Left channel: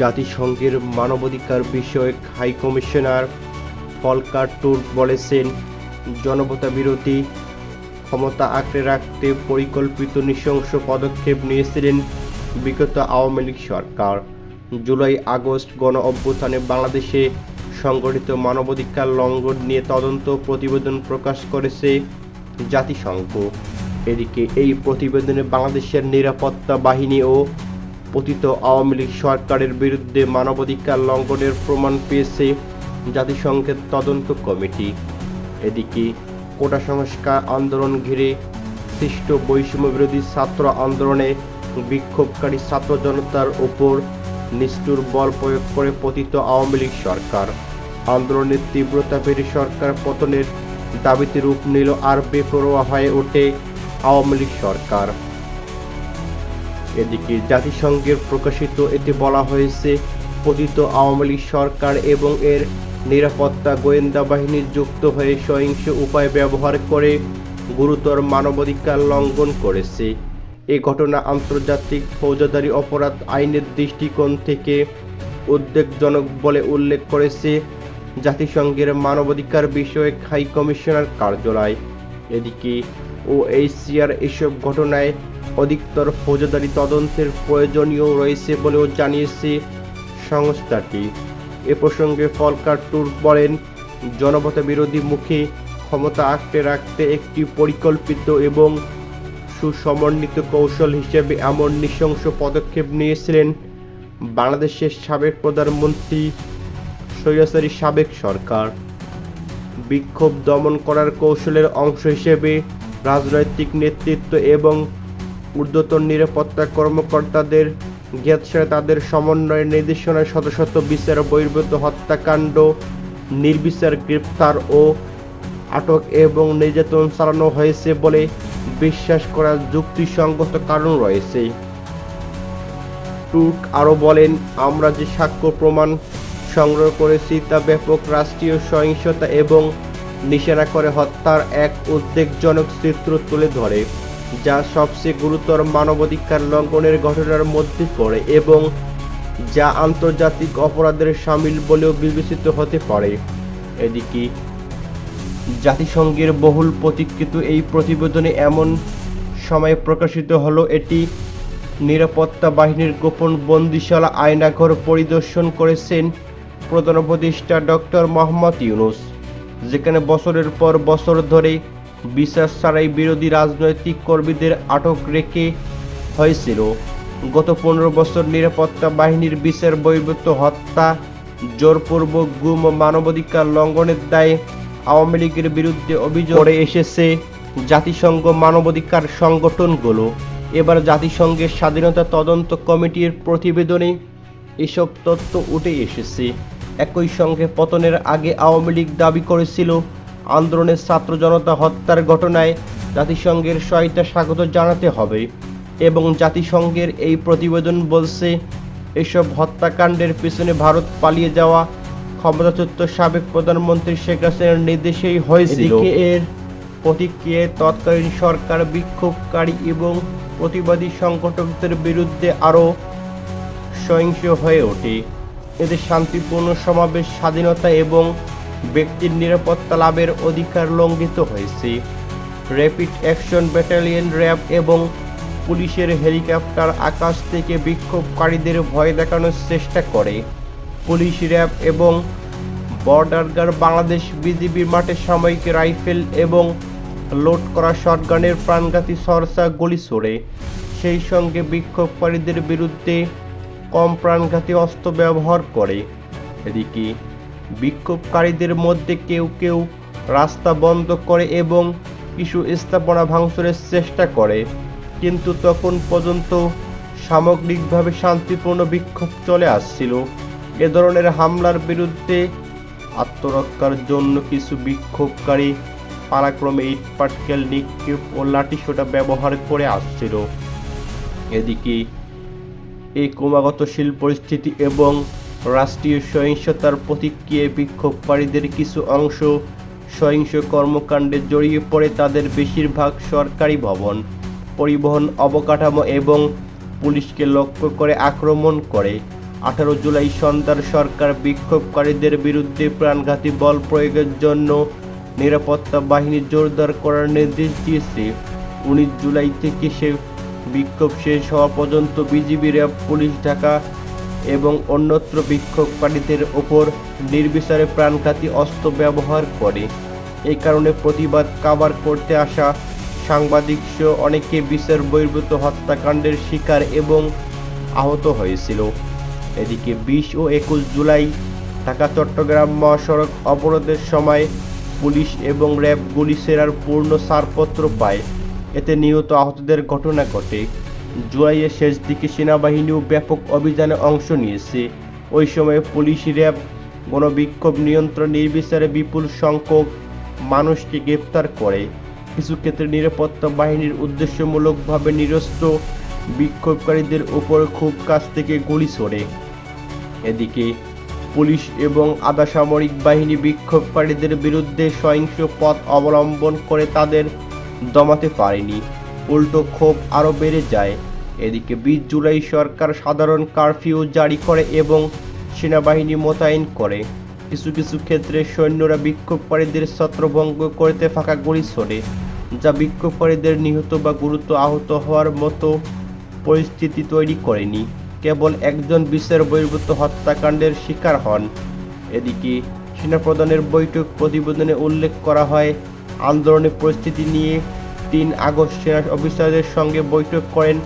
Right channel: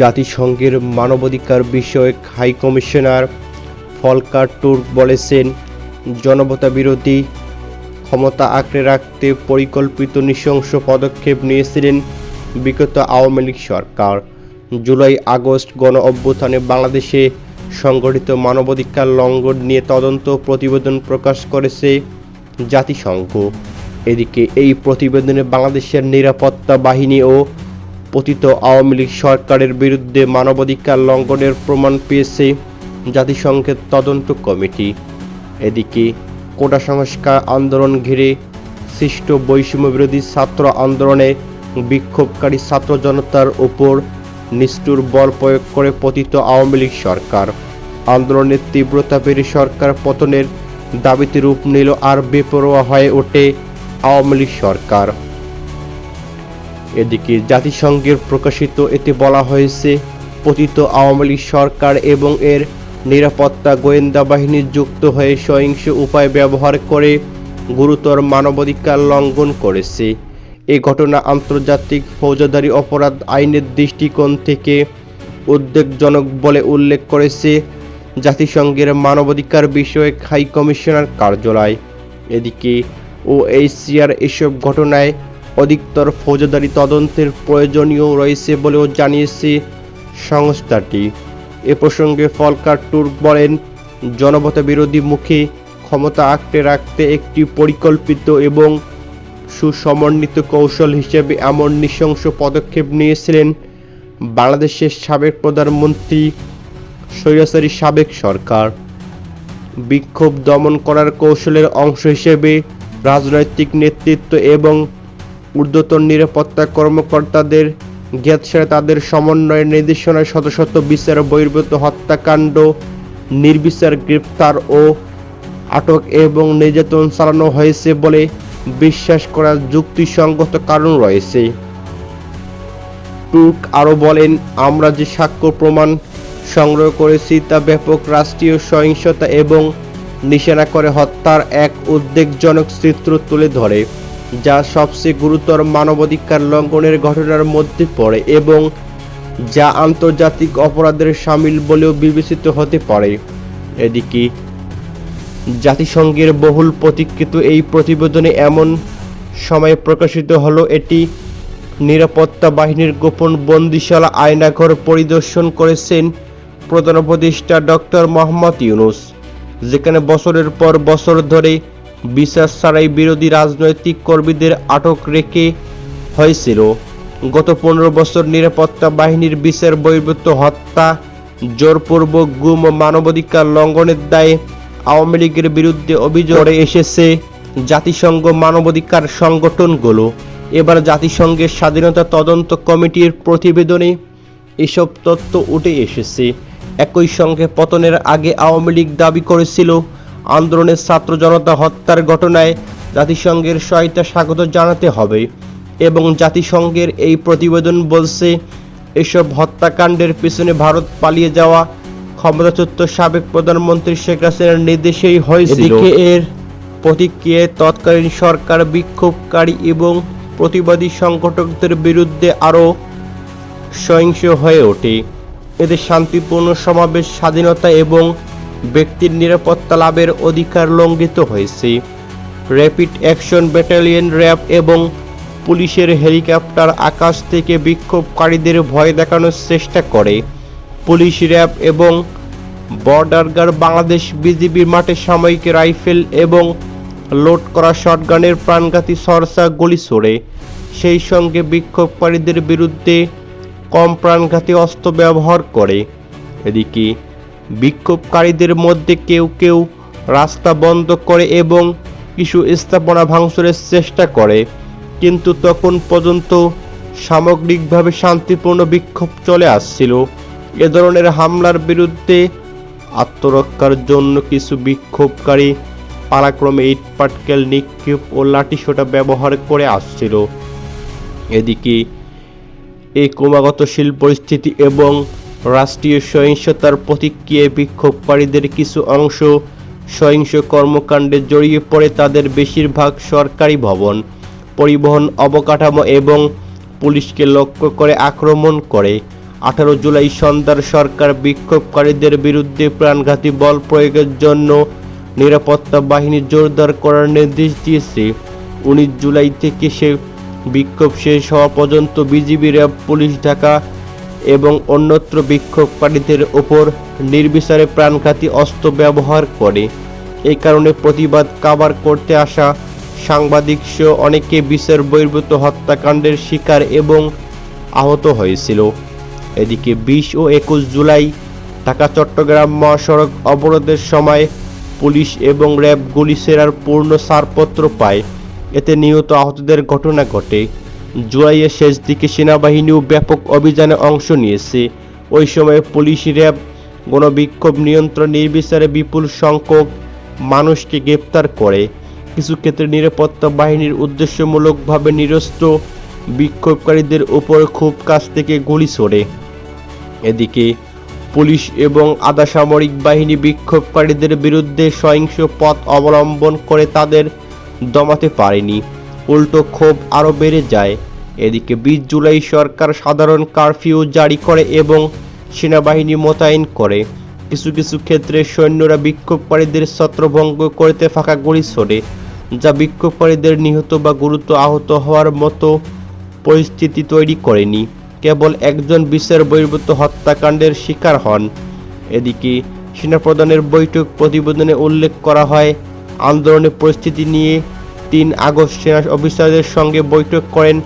জাতিসংঘের মানবাধিকার বিষয়ক হাই কমিশনার ফলকার টুর্ক বলেছেন, জনবতা বিরোধী ক্ষমতা আঁকড়ে রাখতে পরিকল্পিত নৃশংস পদক্ষেপ নিয়েছিলেন বিগত আওয়ামী লীগ সরকার। জুলাই আগস্ট গণ অভ্যুত্থানে বাংলাদেশে সংগঠিত মানবাধিকার লঙ্ঘন নিয়ে তদন্ত প্রতিবেদন প্রকাশ করেছে জাতিসংঘ। এদিকে এই প্রতিবেদনে বাংলাদেশের নিরাপত্তা বাহিনী ও পতিত আওয়ামী লীগ সরকারের বিরুদ্ধে মানবাধিকার লঙ্ঘনের প্রমাণ পেয়েছে জাতিসংঘের তদন্ত কমিটি। এদিকে কোটা সংস্কার আন্দোলন ঘিরে সৃষ্ট বৈষম্য বিরোধী ছাত্র আন্দোলনে বিক্ষোভকারী ছাত্র জনতার উপর নিষ্ঠুর বল প্রয়োগ করে পতিত আওয়ামী লীগ সরকার। আন্দোলনের তীব্রতা বেড়ে সরকার পতনের দাবিতে রূপ নিল আর বেপরোয়া হয়ে ওঠে আওয়ামী লীগ সরকার। এদিকে জাতিসংঘের প্রকাশিত এতে বলা হয়েছে, পতিত আওয়ামী লীগ সরকার এবং এর নিরাপত্তা গোয়েন্দা বাহিনী যুক্ত হয়ে সহিংস উপায় ব্যবহার করে গুরুতর মানবাধিকার লঙ্ঘন করেছে। এ ঘটনা আন্তর্জাতিক ফৌজদারি অপরাধ আইনের দৃষ্টিকোণ থেকে উদ্বেগজনক বলে উল্লেখ করেছে জাতিসংঘের মানবাধিকার বিষয়ক হাই কমিশনার কার্যালয়। এদিকে ওএইচসিআর এসব ঘটনায় অধিকতর ফৌজদারি তদন্তের প্রয়োজনীয় রয়েছে বলেও জানিয়েছে সংস্থাটি। এ প্রসঙ্গে ফলকার টুর্ক বলেন, জনমত বিরোধী মুখে ক্ষমতা আঁকড়ে রাখতে একটি পরিকল্পিত এবং সুসমন্বিত কৌশল হিসেবে এমন নৃশংস পদক্ষেপ নিয়েছিলেন বাংলাদেশের সাবেক প্রধানমন্ত্রী স্বৈরাচারী সাবেক সরকার। বিক্ষোভ দমন করার কৌশলের অংশ হিসেবে রাজনৈতিক নেতৃত্ব এবং ঊর্ধ্বতন নিরাপত্তা কর্মকর্তাদের জ্ঞাতসারে তাদের সমন্বয়ের নির্দেশনায় শত শত বিচার বহির্ভূত হত্যাকাণ্ড, নির্বিচার গ্রেপ্তার ও আটক এবং নির্যাতন চালানো হয়েছে বলে বিশ্বাস করার যুক্তিসঙ্গত কারণ রয়েছে। টুর্ক আরও বলেন, আমরা যে সাক্ষ্য প্রমাণ সংগ্রহ করেছি তা ব্যাপক রাষ্ট্রীয় সহিংসতা এবং নিশানা করে হত্যার এক উদ্বেগজনক চিত্র তুলে ধরে। যা সবচেয়ে গুরুতর মানবাধিকার লঙ্ঘনের ঘটনার মধ্যে পড়ে এবং যা আন্তর্জাতিক অপরাধের সামিল বলেও বিবেচিত হতে পারে। এদিকে, জাতিসংঘের বহুল প্রতীক্ষিত এই প্রতিবেদনে এমন সময় প্রকাশিত হলো এটি, নিরাপত্তা বাহিনীর গোপন বন্দিশালা আয়নাঘর পরিদর্শন করেছেন প্রধান উপদেষ্টা ডক্টর মোহাম্মদ ইউনুস, যেখানে বছরের পর বছর ধরে বিচার ছাড়াই বিরোধী রাজনৈতিক কর্মীদের আটক রেখে হয়েছিল। গত পনেরো বছর নিরাপত্তা বাহিনীর বিচার বহির্ভূত হত্যা, জোরপূর্বক গুম ও মানবাধিকার লঙ্ঘনের দায়ে আওয়ামী লীগের বিরুদ্ধে অভিযোগ এসেছে জাতিসংঘ মানবাধিকার সংগঠনগুলো। এবার জাতিসংঘের স্বাধীনতা তদন্ত কমিটির প্রতিবেদনে এসব তথ্য উঠে এসেছে। একই সঙ্গে পতনের আগে আওয়ামী লীগ দাবি করেছিল আন্দোলনের ছাত্র জনতা হত্যার ঘটনায় জাতিসংঘের সহায়তা স্বাগত জানাতে হবে এবং জাতিসংঘের এই প্রতিবেদন বলছে এসব হত্যাকাণ্ডের পিছনে ভারত পালিয়ে যাওয়া ক্ষমতাচ্যুত সাবেক প্রধানমন্ত্রী শেখ হাসিনার নির্দেশেই হয়েছিল। এর প্রতিক্রিয়ায় তৎকালীন সরকার বিক্ষোভকারী এবং প্রতিবাদী সংগঠকদের বিরুদ্ধে আরও সহিংস হয়ে ওঠে। এতে শান্তিপূর্ণ সমাবেশ স্বাধীনতা এবং ব্যক্তির নিরাপত্তা লাভের অধিকার লঙ্ঘিত হয়েছে। র্যাপিড অ্যাকশন ব্যাটালিয়ন র্যাব এবং পুলিশের হেলিকপ্টার আকাশ থেকে বিক্ষোভকারীদের ভয় দেখানোর চেষ্টা করে। পুলিশ র্যাব এবং বর্ডার গার্ড বাংলাদেশ বিজিবির মাঠে সাময়িক রাইফেল এবং লোড করা শটগানের প্রাণঘাতী সরসা গুলি ছোড়ে। সেই সঙ্গে বিক্ষোভকারীদের বিরুদ্ধে কম প্রাণঘাতী অস্ত্র ব্যবহার করে। এদিকে বিক্ষোভকারীদের মধ্যে কেউ কেউ রাস্তা বন্ধ করে এবং কিছু স্থাপনা ভাঙচুরের চেষ্টা করে। কিন্তু তখন পর্যন্ত সামগ্রিকভাবে শান্তিপূর্ণ বিক্ষোভ চলে আসছিল। এ ধরনের হামলার বিরুদ্ধে আত্মরক্ষার জন্য কিছু বিক্ষোভকারী পালাক্রমে ইট পাটকেল, নিক্ষেপ ও লাঠিসোঁটা ব্যবহার করে আসছিল। এদিকে এই ক্রমাগত শিল্প পরিস্থিতি এবং রাষ্ট্রীয় সহিংসতার প্রতিক্রিয়ায় বিক্ষোভকারীদের কিছু অংশ সহিংস কর্মকাণ্ডে জড়িয়ে পড়ে তাদের বেশিরভাগ সরকারি ভবন, পরিবহন অবকাঠামো এবং পুলিশকে লক্ষ্য করে আক্রমণ করে। আঠারো জুলাই সন্ধ্যার সরকার বিক্ষোভকারীদের বিরুদ্ধে প্রাণঘাতী বল প্রয়োগের জন্য নিরাপত্তা বাহিনী জোরদার করার নির্দেশ দিয়েছে। উনিশ জুলাই থেকে সে বিক্ষোভ শেষ হওয়া পর্যন্ত বিজিবি র্যাব পুলিশ ঢাকা এবং অন্যত্র বিক্ষোভকারীদের ওপর নির্বিচারে প্রাণঘাতী অস্ত্র ব্যবহার করে। এই কারণে প্রতিবাদ কাভার করতে আসা সাংবাদিক সহ অনেকে বিচার বহির্ভূত হত্যাকাণ্ডের শিকার এবং আহত হয়েছিল। এদিকে বিশ ও একুশ জুলাই ঢাকা, চট্টগ্রাম মহাসড়ক অবরোধের সময় পুলিশ এবং র্যাব গুলি সেরার পূর্ণ ছাড়পত্র পায়। এতে নিহত আহতদের ঘটনা ঘটে। জুলাইয়ের শেষ দিকে সেনাবাহিনীও ব্যাপক অভিযানে অংশ নিয়েছে। ওই সময় পুলিশ র্যাব, গণবিক্ষোভ নিয়ন্ত্রণ নির্বিচারে বিপুল সংখ্যক মানুষকে গ্রেপ্তার করে। কিছু ক্ষেত্রে নিরাপত্তা বাহিনীর উদ্দেশ্যমূলকভাবে নিরস্ত্র বিক্ষোভকারীদের উপর খুব কাছ থেকে গুলি ছোড়ে। এদিকে পুলিশ এবং আধা সামরিক বাহিনী বিক্ষোভকারীদের বিরুদ্ধে সহিংস পথ অবলম্বন করে তাদের দমাতে পারেনি। উল্টো ক্ষোভ আরও বেড়ে যায়। এদিকে বিশ জুলাই সরকার সাধারণ কারফিউ জারি করে এবং সেনাবাহিনী মোতায়েন করে। কিছু কিছু ক্ষেত্রে সৈন্যরা বিক্ষোভকারীদের ছত্রভঙ্গ করতে ফাঁকা গুলি ছোড়ে, যা বিক্ষোভকারীদের নিহত বা গুরুতর আহত হওয়ার মতো পরিস্থিতি তৈরি করেনি। কেবল একজন বিচার বহির্ভূত হত্যাকাণ্ডের শিকার হন। এদিকে সেনাপ্রধানের বৈঠক প্রতিবেদনে উল্লেখ করা হয়, আন্দোলনের পরিস্থিতি নিয়ে তিন আগস্ট সেনা অফিসারদের সঙ্গে বৈঠক করেন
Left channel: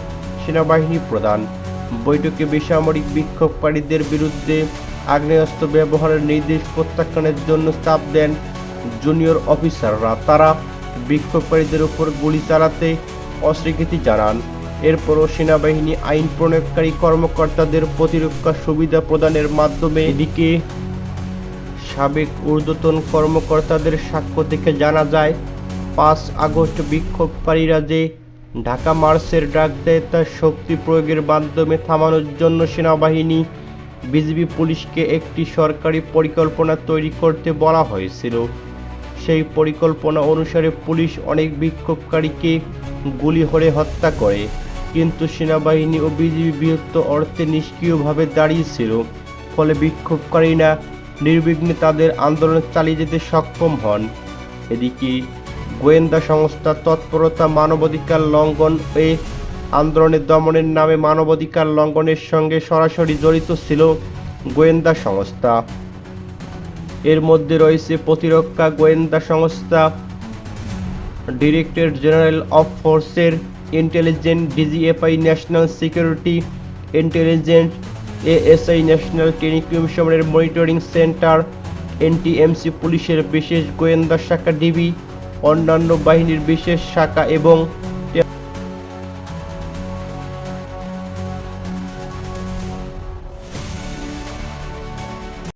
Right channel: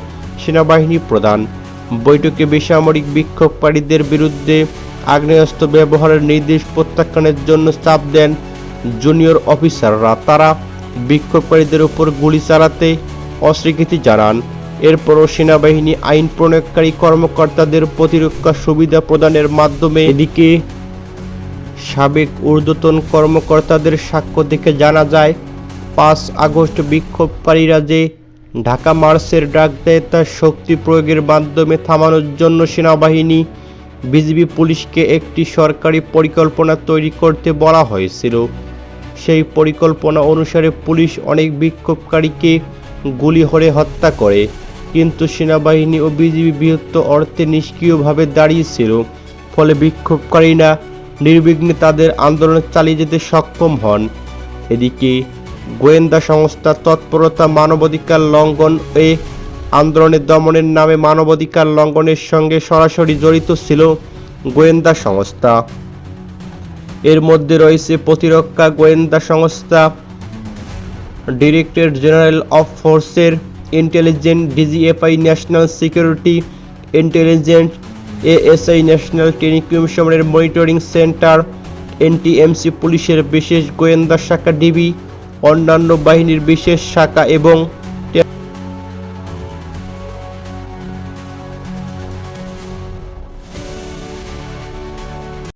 সেনাবাহিনী প্রধান। বৈঠকে বেসামরিক বিক্ষোভকারীদের বিরুদ্ধে আগ্নেয়াস্ত্র ব্যবহারের নির্দেশ প্রত্যাখ্যানের জন্য চাপ দেন জুনিয়র অফিসাররা। তারা বিক্ষোভকারীদের উপর গুলি চালাতে অস্বীকৃতি জানান। এরপরও সেনাবাহিনী আইন প্রণয়নকারী কর্মকর্তাদের প্রতিরক্ষা সুবিধা প্রদানের মাধ্যমে এদিকে সাবেক ঊর্ধ্বতন কর্মকর্তাদের সাক্ষ্য থেকে জানা যায় পাঁচ আগস্ট বিক্ষোভকারীরা যে ঢাকা মার্চের ডাক দেয় তার শক্তি প্রয়োগের মাধ্যমে থামানোর জন্য সেনাবাহিনী, বিজিবি পুলিশকে একটি সরকারি পরিকল্পনা তৈরি করতে বলা হয়েছিল। সেই পরিকল্পনা অনুসারে পুলিশ অনেক বিক্ষোভকারীকে গুলি হরে হত্যা করে, কিন্তু সেনাবাহিনী ও বিজিবি বৃহত্তর অর্থে নিষ্ক্রিয়ভাবে দাঁড়িয়েছিল, ফলে বিক্ষোভকারীরা নির্বিঘ্নে তাদের আন্দোলন চালিয়ে যেতে সক্ষম হন। এদিকে গোয়েন্দা সংস্থা তৎপরতা, মানবাধিকার লঙ্ঘন এ আন্দোলনের দমনের নামে মানবাধিকার লঙ্ঘনের সঙ্গে সরাসরি জড়িত ছিল গোয়েন্দা সংস্থা। এর মধ্যে রয়েছে প্রতিরক্ষা গোয়েন্দা সংস্থা, ডিরেক্টরেট জেনারেল অফ ফোর্সের intelligent DGFI national security, intelligent ASI national টেলিকমিশনের monitoring centre, NTMC পুলিশের বিশেষ গোয়েন্দা শাখা ডিবি অন্যান্য বাহিনীর বিশেষ শাখা এবং